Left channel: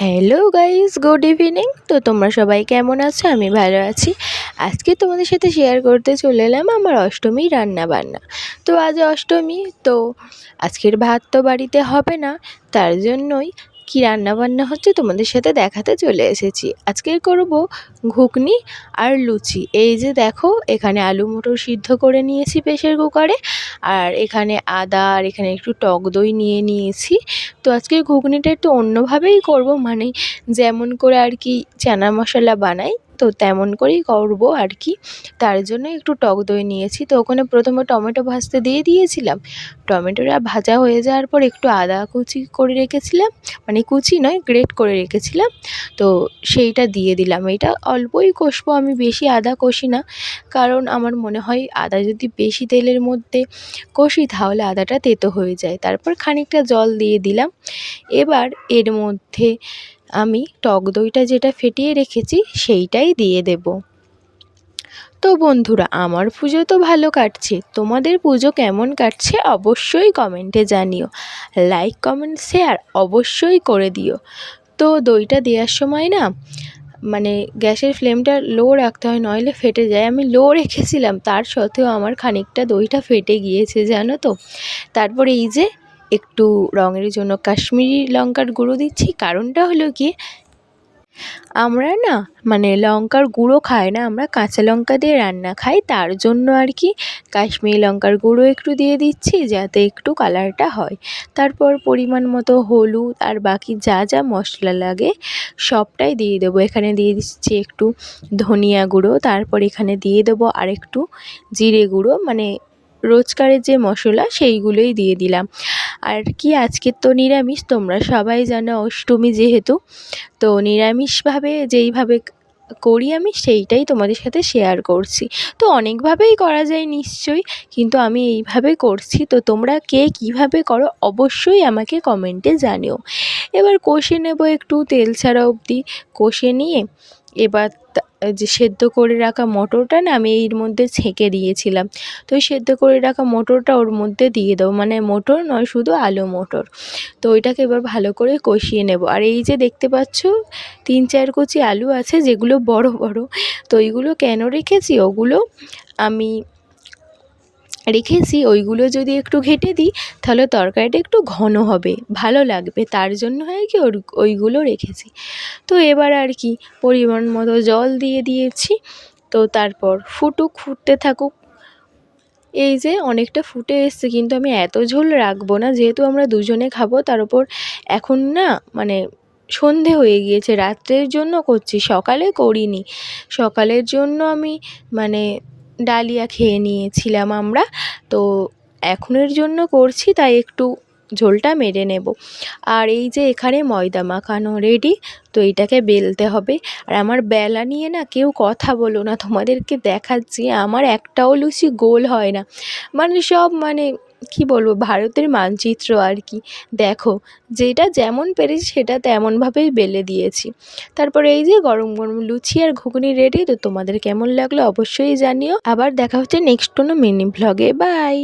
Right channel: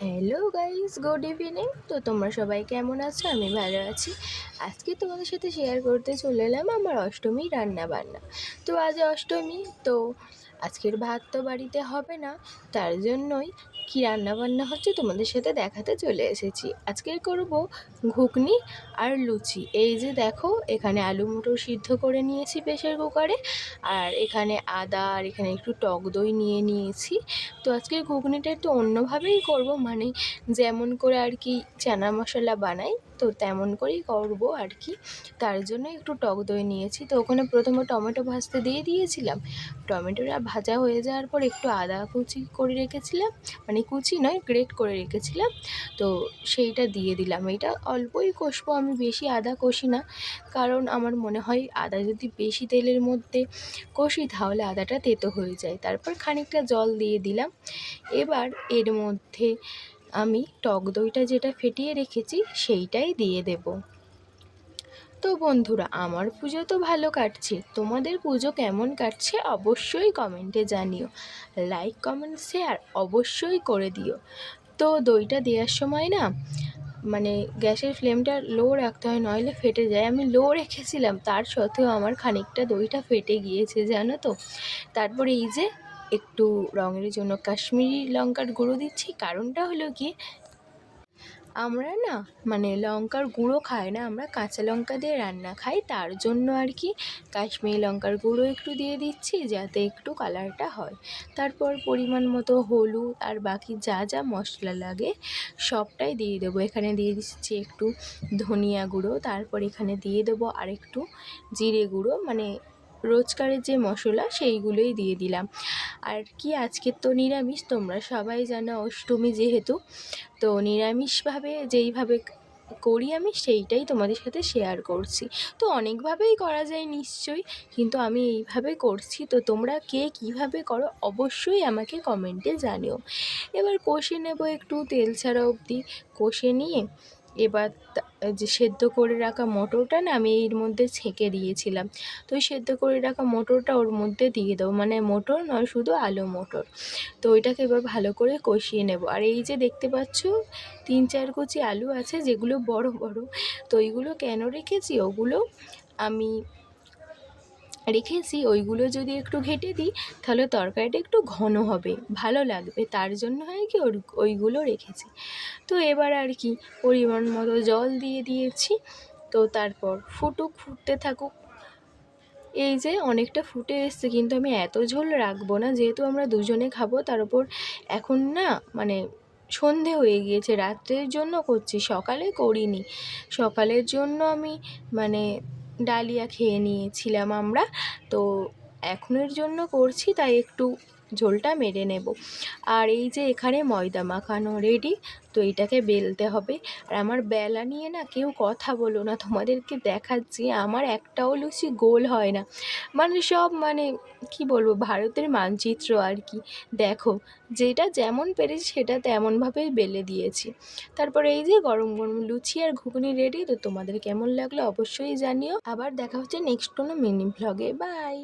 Hello guys, good evening. তো তোমরা সবাই কেমন আছো? আমি ভালো আছি। আজকে তোমাদের সাথে শেয়ার করতে চলে এলাম আমার অষ্টমীর রান্না বান্না। তো আজ অষ্টমী, তো আজকের ভাত তো বাড়িতে হবে না, তার জন্যই কি রান্না বান্না হচ্ছে তোমাদের সাথে দেখাতে চলে এসেছি। আজকে করব ঘুগনি আর লুচি। এই যে দেখো, এখানে আলু মটর সিদ্ধ করে নিয়েছি প্রেসার কুকারে, আর এখানে আদা আর এখানে একটু টক দই নিয়ে নিয়েছি। তো আজকে ঘুগনিটা একটু অন্যভাবেই করব, মানে যেমন করে আর কি চানা মশলা বানাই তো তেমন করেই করব আর কি। তার জন্য একটু টক দই নিয়েছি। তো ওখানে প্রথমে টমেটো ভাজতে দিয়ে দিয়েছিলাম। টমেটোটা ভাজা হয়ে যাওয়ার পর একটু আদা কুচি করে রেখেছিলাম, মানে কুচি নয়, গ্রেট করে রেখেছিলাম। তো সেইটা দিয়ে দিলাম। এটা অল্পই কষবো, আমি বেশি আদা কষি না, কারণ আমার মনে হয় আদা যদি বেশি তেলের মধ্যে কষি তাহলে আদাটা তেতো হয়ে যায়। তারপর খানিকটা জল দিয়ে দিলাম। এবার এর মধ্যে আমি টক দইটা যেটা ফেটিয়ে রেখেছি সেইটাই দিয়ে দেব। তো বন্ধুরা, আমার পুজো তো ভালো কাটছে, তোমাদের পুজো কেমন কাটছে অবশ্যই কমেন্টে জানিও। লাইক কমেন্ট শেয়ার অবশ্যই করে দিও। তো দইটা দেওয়ার সময় না, মানে গ্যাসের ফ্লেমটা লো রাখতে হয়, নইলে ফেটে যায়। আমি লো রেখেছিলাম, তার সত্ত্বেও আমার খানিকটা দইটা ফেটে গিয়েছে, জানো তো। তারপরে এই যে একটু রঙের জন্য কাশ্মীরি লঙ্কার গুঁড়ো দিচ্ছি। কারণটা হলো কি, আমরা না মানে লঙ্কার গুঁড়ো খাই না, আমরা কাঁচা লঙ্কা দিয়ে রান্না খাই, তার জন্য আর কি কাশ্মীরি লঙ্কার গুঁড়ো একটু দিয়ে দিচ্ছি যাতে একটু কালারটা হয়। তারপর পরিমাণ মতো হলুদ আর বাকি যা যা মশলা লাগে সবটাই দিয়ে দেবো। এখানে দিয়ে দিচ্ছি একটু ধনিয়া গুঁড়ো, তারপর এখানে দিয়ে দেবো আর একটু জিরে গুঁড়ো, মানে রোজকারের যে মশলা সেইগুলোই দিয়ে দিলাম। আর কি, আজকের তো নিরামিষ, তোমরা সবাই জানো অষ্টমী যেহেতু, তো নিরামিষভাবে যেইভাবে করি আমি সেইটাই তোমাদের সাথে শেয়ার করছি। তো অনেকভাবেই করা যায় নিশ্চয়ই, কিন্তু আমি এইভাবে করছি। তো তোমরা কে কীভাবে করো অবশ্যই আমাকে কমেন্টে জানিও। এবার কষে নেব একটু তেল ছাড়া অবধি। কষে নিয়ে এবার যে সেদ্ধ করে রাখা মটরটা না আমি এর মধ্যে ছেঁকে দিয়েছিলাম, তো ওই সেদ্ধ করে রাখা মটরটা ওর মধ্যে দিয়ে দেবো, মানে মটর নয়, শুধু আলু মটর। তো ওইটাকে এবার ভালো করে কষিয়ে নেব। আর এই যে দেখতে পাচ্ছ 3-4 কুচি আলু আছে যেগুলো বড় বড়, তো ওইগুলো কেন রেখেছি, ওগুলো আমি রেখেছি ওইগুলো যদি একটু ঘেঁটে দিই তাহলে তরকারিটা একটু ঘন হবে, ভালো লাগবে, তার জন্য হয় কি ওইগুলো রেখেছি। তো এবার আর কি পরিমাণ মতো জল দিয়ে দিয়েছি। তো তারপর ফুটতে থাকুক। এই যে অনেকটা ফুটে এসছে, কিন্তু আমি এত ঝোল রাখবো না, যেহেতু আমরা দুজনে খাবো। তার উপর এখন না মানে সন্ধে হয়ে গিয়েছে, রাত্রের জন্য করছি, সকালে করিনি। সকালের জন্য আমি মানে ডালিয়া খেয়ে নিয়েছিলাম আমরা, তো এখনের জন্য করছি, তাই একটু ঝোলটা মেরে নেব। আর এই যে এখানে ময়দা মাখানো রেডি, তো এইটাকে বেলতে হবে। আর আমার বেলা নিয়ে না কেউ কথা বলো না, তোমাদেরকে দেখাচ্ছি আমার একটাও লুচি গোল হয় না, মানে সব মানে কি বলবো, ভারতের মানচিত্র আর কি। দেখো, যেটা যেমন পেরেছি সেটা তেমনভাবেই বেলে দিয়েছি। তারপরে এই যে গরম গরম লুচি আর ঘুগনি রেডি। তো তোমাদের কেমন লাগলো অবশ্যই জানিও। আবার দেখা হচ্ছে নেক্সট কোনো মিনি ভ্লগে। বাই।